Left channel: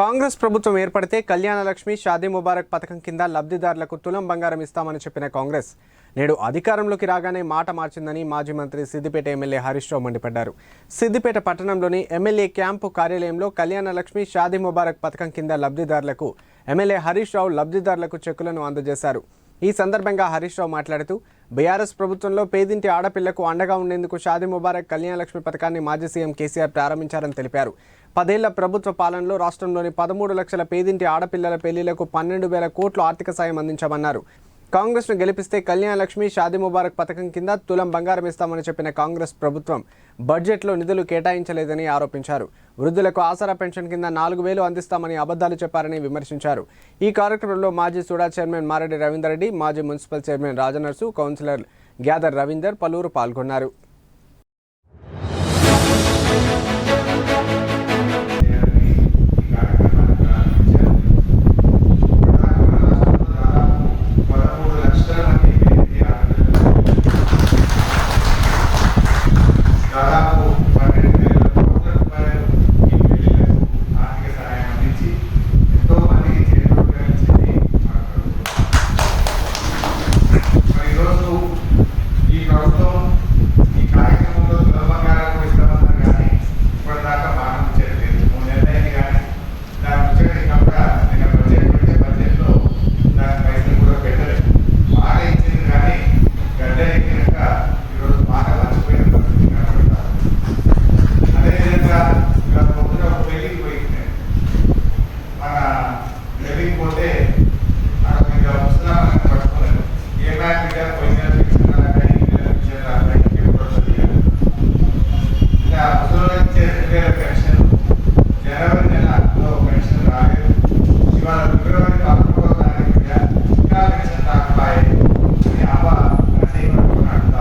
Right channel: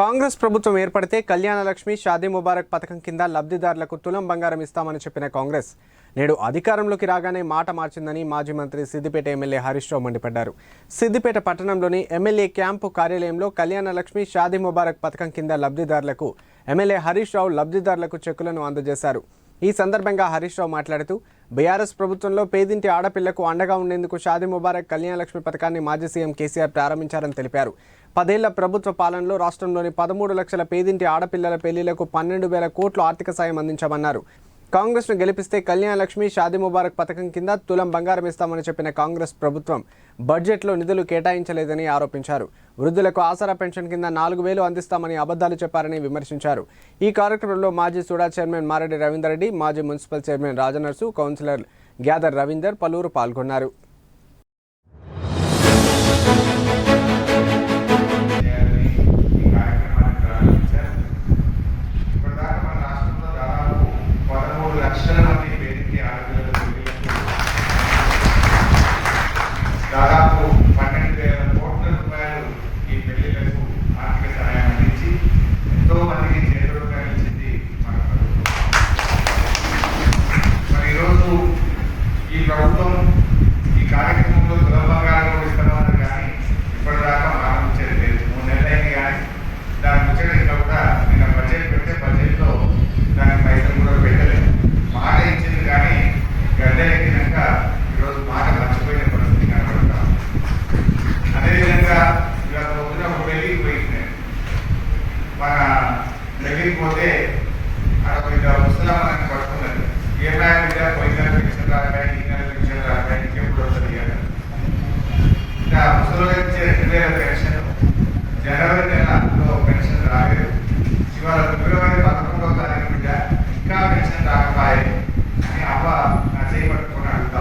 కాంగ్రెస్ ప్రభుత్వం ఏర్పడితే కళ్యాణలక్ష్మి షాదీ ముబారక్ పథకం కింద లబ్ధిదారులకు తులం బంగారం ఇస్తామని చెప్పిన కాంగ్రెస్. నేడు అధికారంలోకి రాగానే మాట మార్చిందని మాజీ మంత్రి సిద్దిపేట ఎమ్మెల్యే హరీష్ రావు మండిపడ్డారు. సిద్దిపేట పట్టణంలోని ఎమ్మెల్యే క్యాంపు కార్యాలయంలో కళ్యాణ లక్ష్మి షాదీ ముబారక్ పథకం కింద లబ్ధిదారులకు ఎమ్మెల్యే హరీష్ రావు లబ్ధిదారులకు చెక్కులను అందజేశారు. ఈ సందర్భంగా హరీష్ రావు మాట్లాడుతూ బీఆర్ఎస్ ప్రభుత్వంలో పేదింటి ఆడపిల్లకు అండగా ఉండేందుకు షాదీ ముబారక్ కళ్యాణ లక్ష్మి పథకాన్ని మాజీ సీఎం కేసీఆర్ ప్రారంభించారని తెలిపారు. పదేళ్ళ ప్రభుత్వ పాలనలో రాష్ట్రంలోని పదమూడు లక్షల పేదింటి ఆడపిల్లల పెళ్ళిలకు పన్నెండు వేల కోట్లు ఆర్థిక సాయం అందించామన్నారు. కాంగ్రెస్ను గెలిపిస్తే కళ్యాణ లక్ష్మి షాదీ ముబారక్ పథకం కింద తులం బంగారం ఇస్తామని చెప్పిన కాంగ్రెస్ ప్రభుత్వం బడ్జెట్లో నిధులు కేటాయించలేదని ఆరోపించారు. వృద్ధులకు ఆసరా పెన్షన్ కింద నాలుగు వేలు అందిస్తామని అబద్ధాలు చెప్పారని విమర్శించారు. ఈ కార్యక్రమంలో మాజీ సూడా చైర్మన్ మారెడ్డి రవీందర్ రెడ్డి మాజీ municipal chairman Rajanarsu councillor Gyadar Ravinder పలువురు పాల్గొన్నారు. ఈ ప్రభుత్వం సూరజ్ రెండు వేల పెన్షన్ జనవరి నెల